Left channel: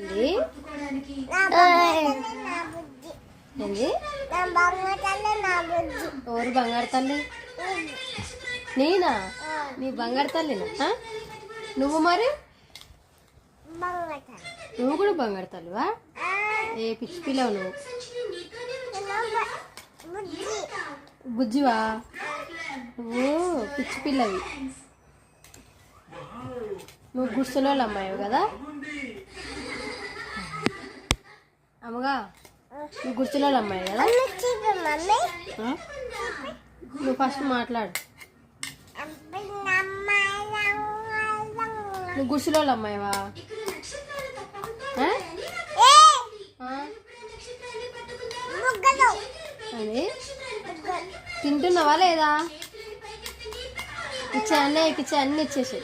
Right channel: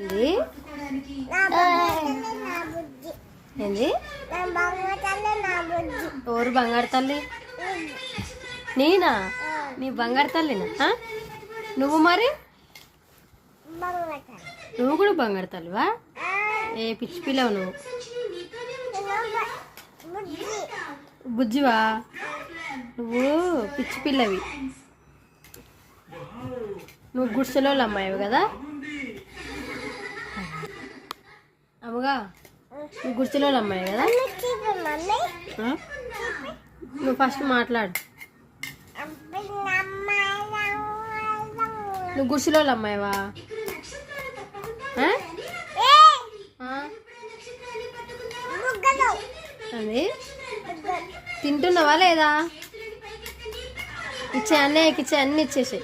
ఏంది ఏంది ఎవరు బంగారు తల్లి? నేనా? నీ బంగారు తల్లినా? నువ్వు మరి నువ్వు కూడా బంగారు తల్లివా? ఏ పిచ్చి పిల్లవు నువ్వు? బుజ్జివా? నువ్వు పిచ్చి పిల్లవి. నువ్వు గుడిసెలో అమ్మాయివి కదా అమ్మగా? నువ్వు గుడిసెలో అమ్మాయి కదా? నువ్వు ఫస్ట్ మాట్లాడు. నువ్వు గుడిసెలో అమ్మాయివా? అది తింటున్నావా లేదా? ఇచ్చే అన్నీ ఇచ్చే అన్నీ ఇచ్చేసాయి.